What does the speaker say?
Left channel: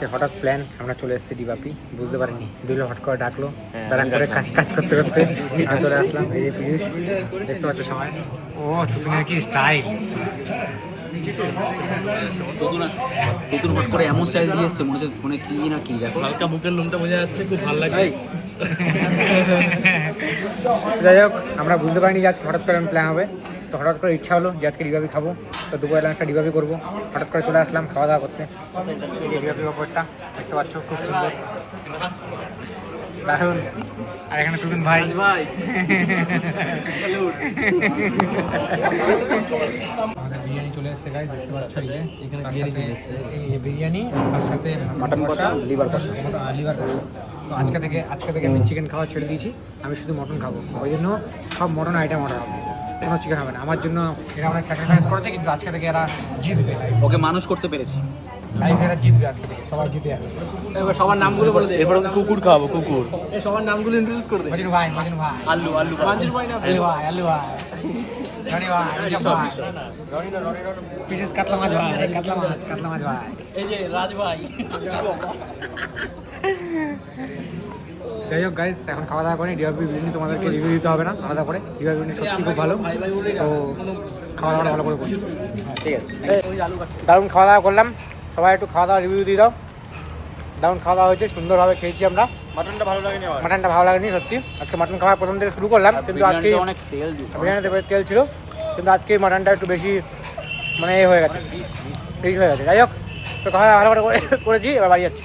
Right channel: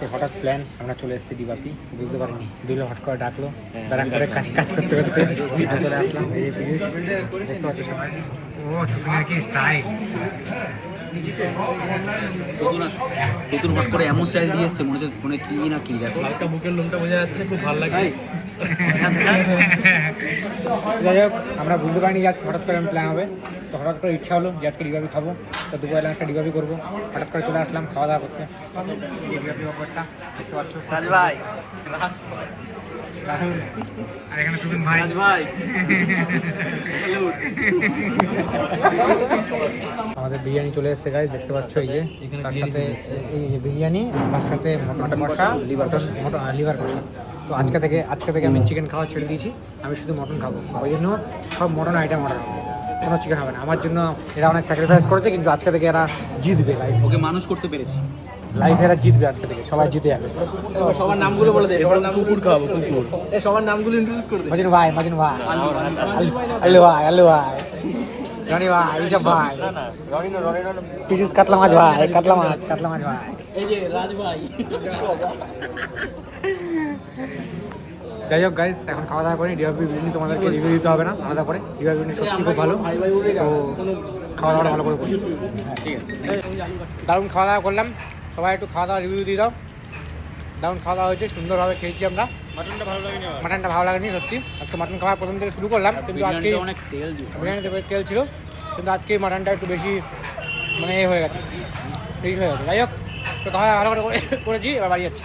আজকে হঠাৎ প্ল্যান, আমরা চলে এসেছি ডিবাপি, বুঝতে পারিনি। বিলো হট করে ডাকলো, দাঁড়ান করে কাজ করতে করতে আমরা চলে আসলাম। এই জিনিস দেখতে পাচ্ছ সবাই। ও তুমি কি স্টাইল, নতুন হট করে এমন স্টাইল দিয়ে এসছে, মনে হচ্ছে ফোনে কি না কি। দেখো হালকা বুকের লোমটা বোঝা যাচ্ছে, খুব ভালো লাগে। যাই হোক, আমরা বুঝতে পারিনি যে আজ হঠাৎ করে প্ল্যান হবে। তো হঠাৎ করে ইচ্ছা হলো যে আজকে ডিবাবি খাবো, তো দুপুরে লাঞ্চটা ডিবাবি করবো। হঠাৎ করে চলে আসলাম খাওয়া দাওয়া করতে। ডিবাবির ওপরটা দেখতে পাচ্ছ, দারুণ। আর এখানে সুজন ভাই আমাদের বিরিয়ানি চলে এসেছে গাইস, দেখতে পাচ্ছ। এই যে এই বিরিয়ানি, তার সাথে মাটন কষা, লিভার কষা। লিভার কষা। তো আজকে থেকে আমি চিকেন খাওয়া ছেড়ে দিয়েছি, আমি শুধু মটন খাবো। ওই জন্য সব মটন আইটেম অর্ডার হবে, কোনো চিকেন হবে না। আমার জন্য এরা অনেক স্যাক্রিফাইস করেছে, কিন্তু আজকে থেকে এরা জিতবে। ওকে মানুষ করতে পেরেছি। লাইফে এরা জিতবে, আজকে থেকে সবাই জিতে যাবে। সবার নামগুলো বলে দে। এরপর কুকুর খাওয়াবো, কুকুর। সবার নামগুলো ইন্ট্রোডিউস করে দে। মজিন ভাই, আলু আলু আলু ভাই, জনি ভাই, ঋষভ ভাই, পিসিস কাতলা মাছ ভাই, কাতলা মাছ ভাই। এই যে রাজ ভাই। যাই হোক গাইস, এখন খাওয়া দাওয়া করি। ডিবাবি বিরিয়ানি তোমাদেরকে রিভিউ দিতে হবে না আলাদা করে। ডিবাবি বিরিয়ানি সত্যি খুব ভালো, তো খাওয়া দাওয়াটা ভালো করে করি। ঠিক আছে। দারুণ খাওয়া দাওয়া করলাম, সবাই একটু খাওয়া দাওয়া রিভিউ দিয়ে দাও। দারুণ খাওয়া দাওয়া হয়েছে, সুন্দরভাবে খেয়েছি আমরা। মাটনটা ভালো লাগেনি আমার। মাটনটা ভালো লাগেনি সত্যি। আজকে মাটন খাওয়ার প্রথম থেকে শুরু করলাম, কিন্তু আজকে অনেক তেল দিয়েছে। বিরিয়ানিতে তেল ছিল, কিন্তু আজকে মাটনটা একটু বেশি মানে এ হয়ে গেছে, বেশি হয়ে গেছে। যাই হোক, তো খাওয়া দাওয়া ভালো করে করেছি, এবার বাড়ি যাচ্ছি।